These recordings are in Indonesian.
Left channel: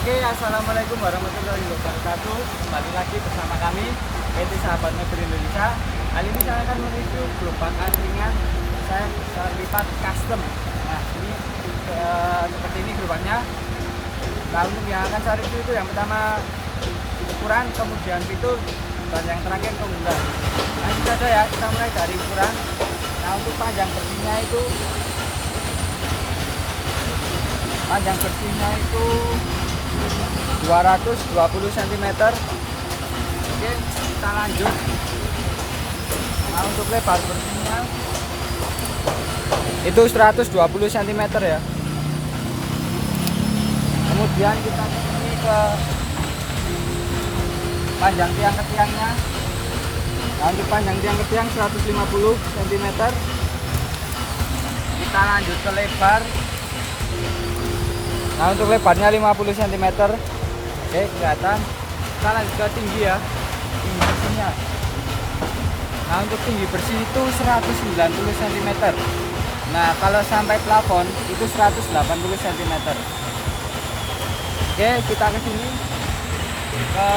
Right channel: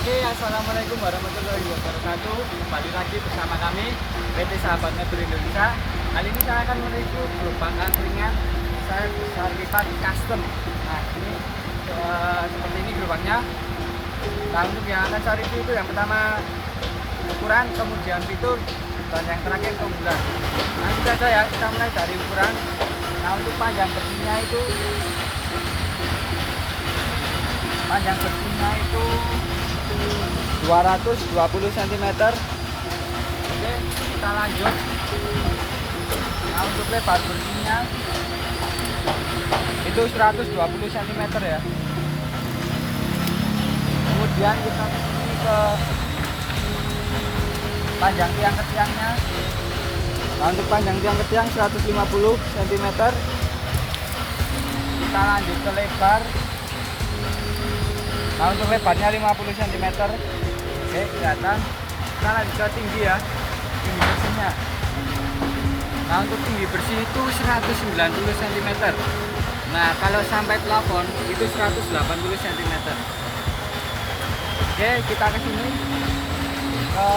Oke, assalamualaikum warahmatullahi wabarakatuh. Kembali lagi bersama kami PT Sahabat Mobil Indonesia. Kali ini saya akan mereview gerobak angkringan saya besar lipat custom. Nah, ini seperti ini gerobaknya. Nah, untuk yang akan saya review itu yang pertama ukuran, kemudian fitur, dan yang terakhir keunggulan. Langsung saja ya, kita mulai dari ukuran. Nah, untuk panjang bersihnya itu 220 cm. Oke, kita lanjut. Nah, untuk lebar bersihnya itu 120 cm ya. Kemudian kita kesini ke panjang tiang ke tiangnya. Nah, untuk panjang tiang ke tiang 150 cm. Kita lanjut ke lebar. Nah, untuk lebarnya 50 cm. Oke, kelihatan. Kita lanjut ke tinggi ya, tinggi bersihnya. Nah, untuk tinggi bersih itu 190 cm. Nah, kalau sampai plafon itu 180 cm. Oke, kita ke sini ke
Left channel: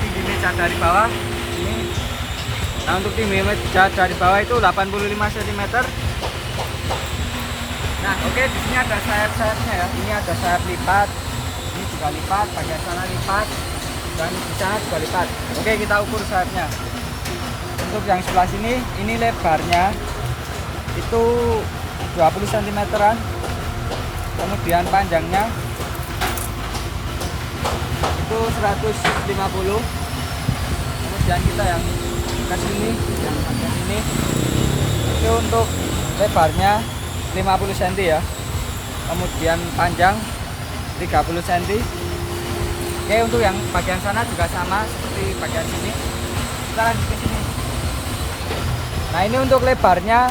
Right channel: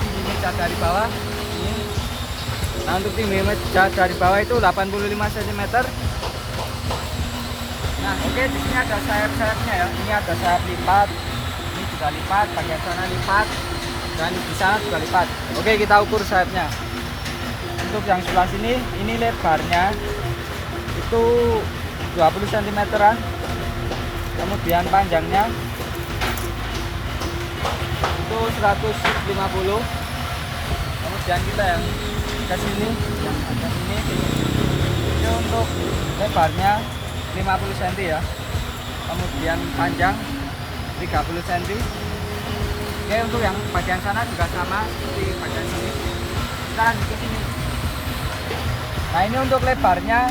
tinggi meja dari bawah ini. Nah, untuk tinggi meja dari bawah itu 85 cm. Nah, oke, di sini ada sayap-sayapnya ya. Ini ada sayap lipat, ini juga lipat, bagian sana lipat, dan di sana juga lipat. Oke, kita ukur sayapnya. Untuk yang sebelah sini, ini lebarnya itu 20 cm-an. Kemudian panjangnya itu 150. Kemudian kita yang ke sini, ini untuk lebarnya 50 cm ya. Kemudian panjang 30 cm. Oke, untuk yang bagian sana juga sama seperti bagian sini. Kita lanjut ke sini. Nah, ini untuk lebarnya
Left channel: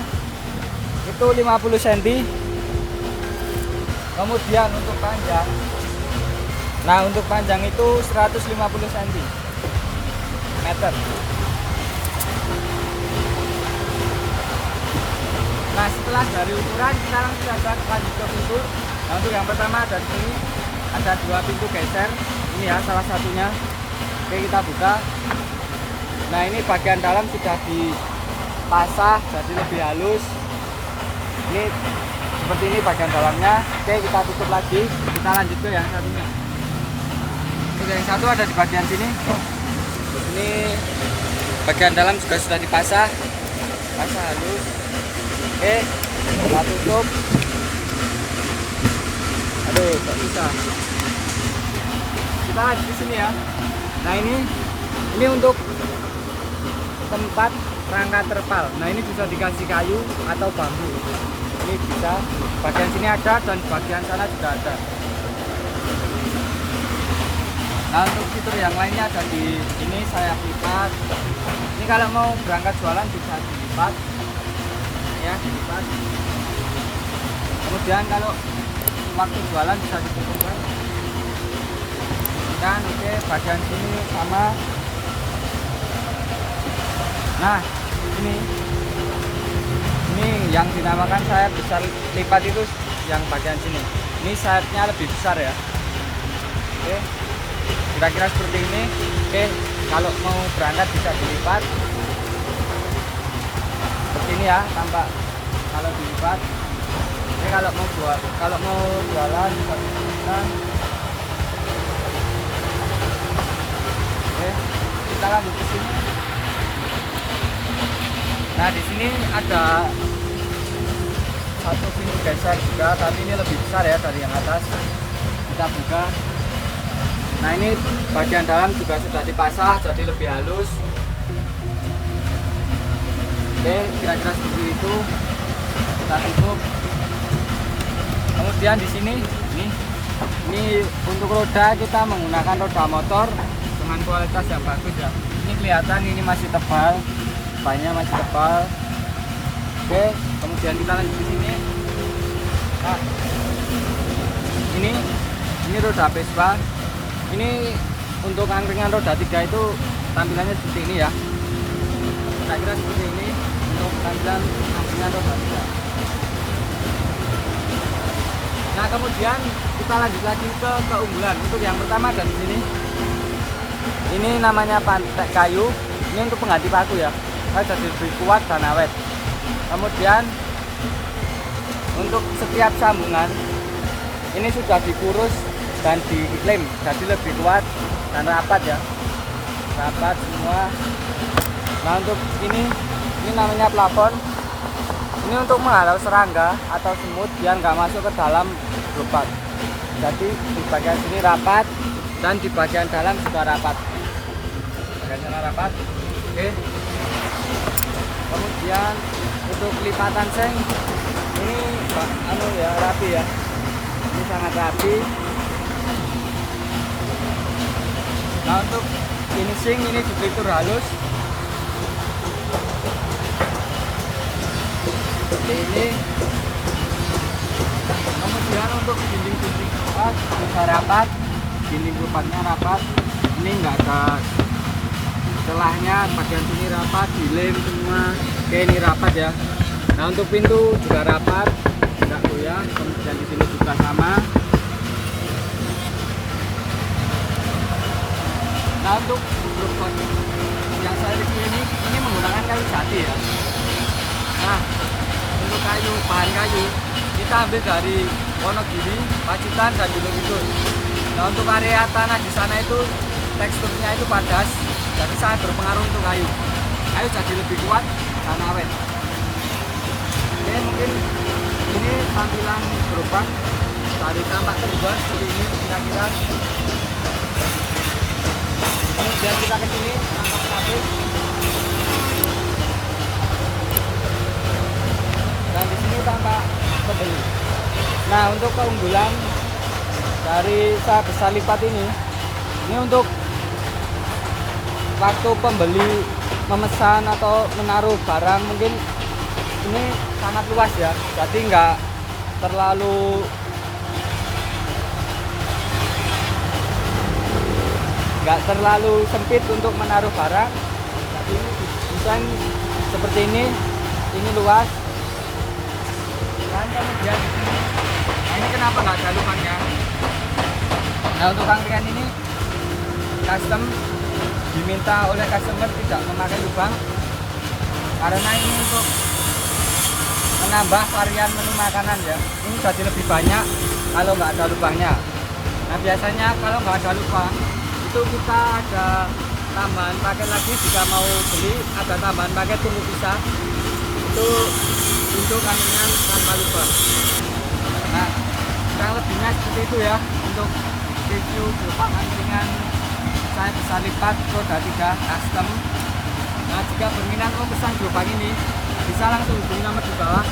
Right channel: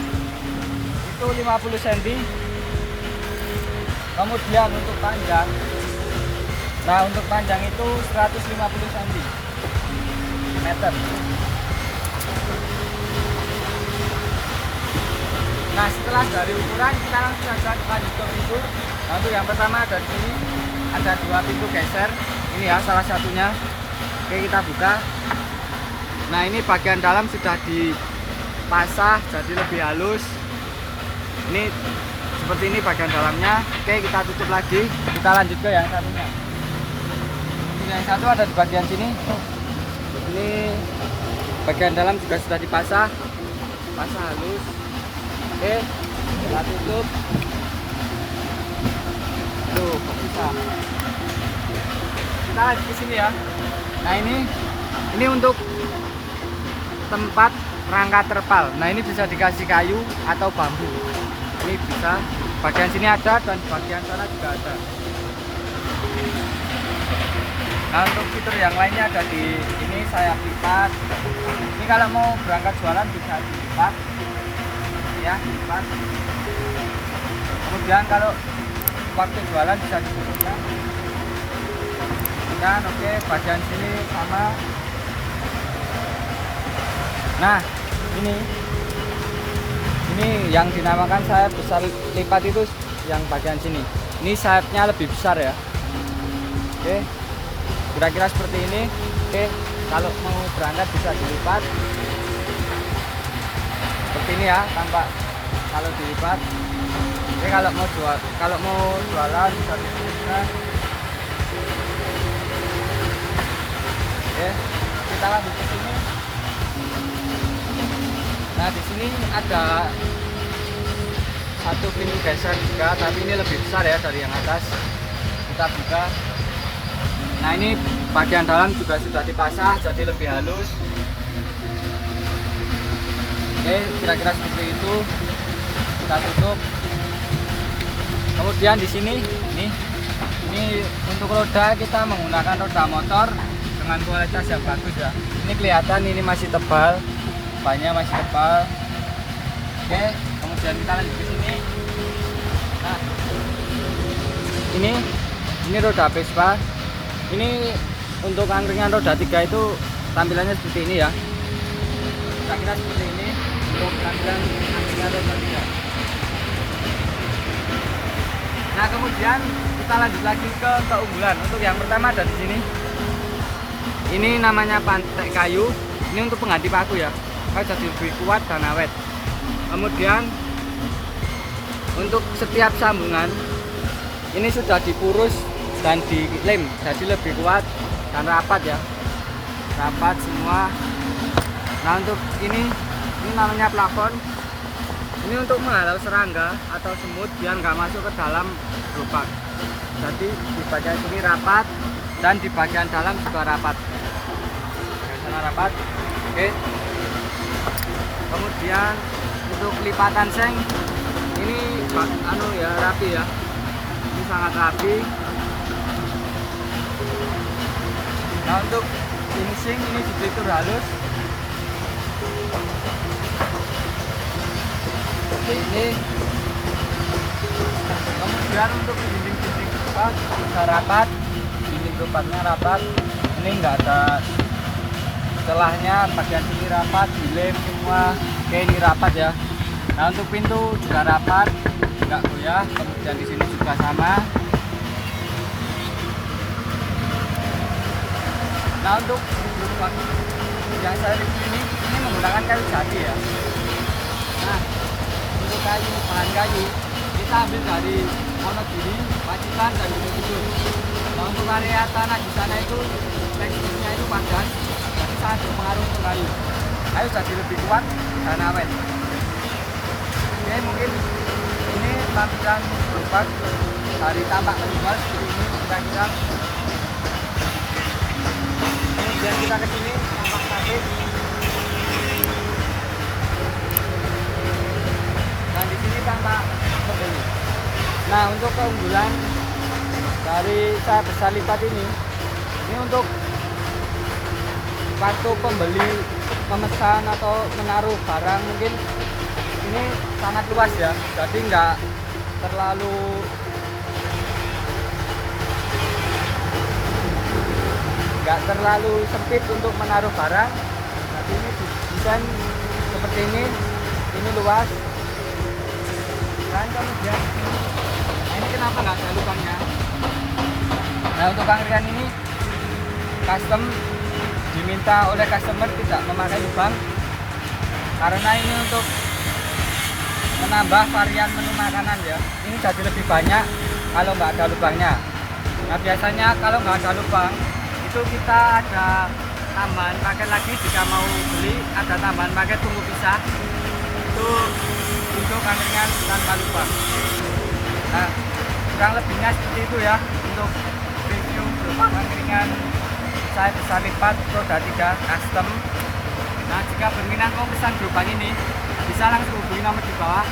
itu 50 cm. Kemudian untuk panjang, nah untuk panjang itu 150 cm. Nah, setelah dari ukuran, kita langsung saja lanjut ke fitur. Nah, untuk yang pertama dari sini ada dua pintu geser. Ini ya salah satunya. Oke, kita buka. Nah, ini bagian dalam sudah dipasah jadi lebih halus. Ini seperti ini bagian dalamnya. Oke, kita tutup lagi. Kita lanjut ke yang satunya. Untuk yang satu ada di bagian sini. Ini bagian dalam juga sudah dipasah, halus. Oke, kita tutup. Aduh, kok bisa? Kita lagi di sini ya. Nah, ini untuk tempat rangka terpal. Nah, ini bisa dikasih kayu atau bambu. Ini bisa. Bagian sini ada dan bagian sana juga ada. Nah, untuk fitur yang lainnya ada di ini sayap lipat. Ini kalau mau berangkat jualan bisa dilipat. Ya, lipat. Kemudian kalau waktu jualan bisa ditutupkan. Kan oke, bagian sini sama. Nah, ini yang dinamakan sayap besar lipat itu yang bagian sini. Ini sayapnya lebih besar ya. Oke, kira-kira seperti ini. Oke, kalau mau berangkat bisa dilipat seperti ini ya, tampak kalau dilipat. Oke, kalau mau jualan bisa ditutupkan. Oke, kita lanjut ke sini. Nah, di sini ada satu pintu geser juga, tapi ini lebih besar ya dari yang atas. Kita buka. Nah, ini bagian dalam juga sudah dipasah jadi lebih halus. Oke, kira-kira seperti itu. Kita tutup. Kemudian di sini ini untuk roda kita menggunakan roda motor dengan kualitas yang bagus ya. Ini kelihatan ini masih tebal, bannya masih tebal. Oke, kemudian kita lanjut di sini. Nah, ini roda Vespa. Ini untuk angkringan roda 3 itu tampilannya seperti ini ya. Kira-kira seperti ini untuk tampilan angkringan roda 3. Nah, kemudian kita lanjut lagi ke keunggulan. Untuk yang pertama ada di sini. Ini namanya pantek kayu. Ini untuk pengganti paku ya. Jadi lebih kuat dan awet. Kemudian untuk setiap sambungan ini sudah dipurus dan dilem, jadi lebih kuat dan rapat ya, rapat semua. Nah untuk ini namanya plafon. Ini untuk menghalau serangga atau semut biar nggak masuk ke dalam lubang. Jadi di bagian sini rapat dan di bagian dalam juga rapat. Rapat. Oke. Kemudian untuk lipatan seng ini rapi ya. Ini sangat rapi. Nah untuk finishing ini diplitur halus. Seperti ini. Kemudian untuk dinding-dinding lubang juga rapat. Dinding lubangnya rapat. Ini enggak ada celahnya, bagian sini rapat, dilem semua. Oke, ini rapat ya. Nah untuk pintu juga rapat, tidak goyah. Kemudian di sini juga sama. Nah untuk grup yang saya review ini menggunakan kayu jati ya. Nah untuk bahan kayu kita ambil dari Wonogiri, Pacitan dan Gunung Kidul. Nah untuk area tanah di sana itu teksturnya itu padas, jadi sangat berpengaruh untuk kayu. Kayu jadi lebih kuat dan awet. Oke, mungkin ini tampilan gerobak dari tampak terbuat seperti ini kira-kira. Kemudian kita ke sini tampak pabrik. Dan di sini tampak pembeli. Nah untuk keunggulan dari tahap besar lipat ini untuk waktu pembeli memesan atau menaruh barang mungkin ini sangat luas ya, jadi nggak terlalu sempit untuk menaruh barang. Jadi ini desain seperti ini luas. Dan kemudian ini kenapa nggak ada lubangnya? Nah untuk angkringan ini custom diminta oleh customer tidak memakai lubang karena ini untuk menambah varian menu makanan ya. Ini jadi lebih banyak kalau nggak ada lubangnya. Nah biasanya kalau nggak ada lubang itu kita ada tambahan paket lagi. Jika mau beli ada tambahan paket tunggu pisah itu untuk angkringan tanpa lubang. Nah kurang lebihnya seperti itu ya untuk review gerobak angkringan saya besar lipat roda 3 custom. Nah jika berminat mau pesan gerobak ini bisa langsung hubungi nomor di bawah.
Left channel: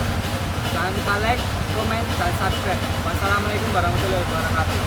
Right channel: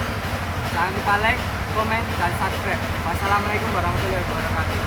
Jangan lupa like, komen, dan subscribe. Wassalamualaikum warahmatullahi wabarakatuh.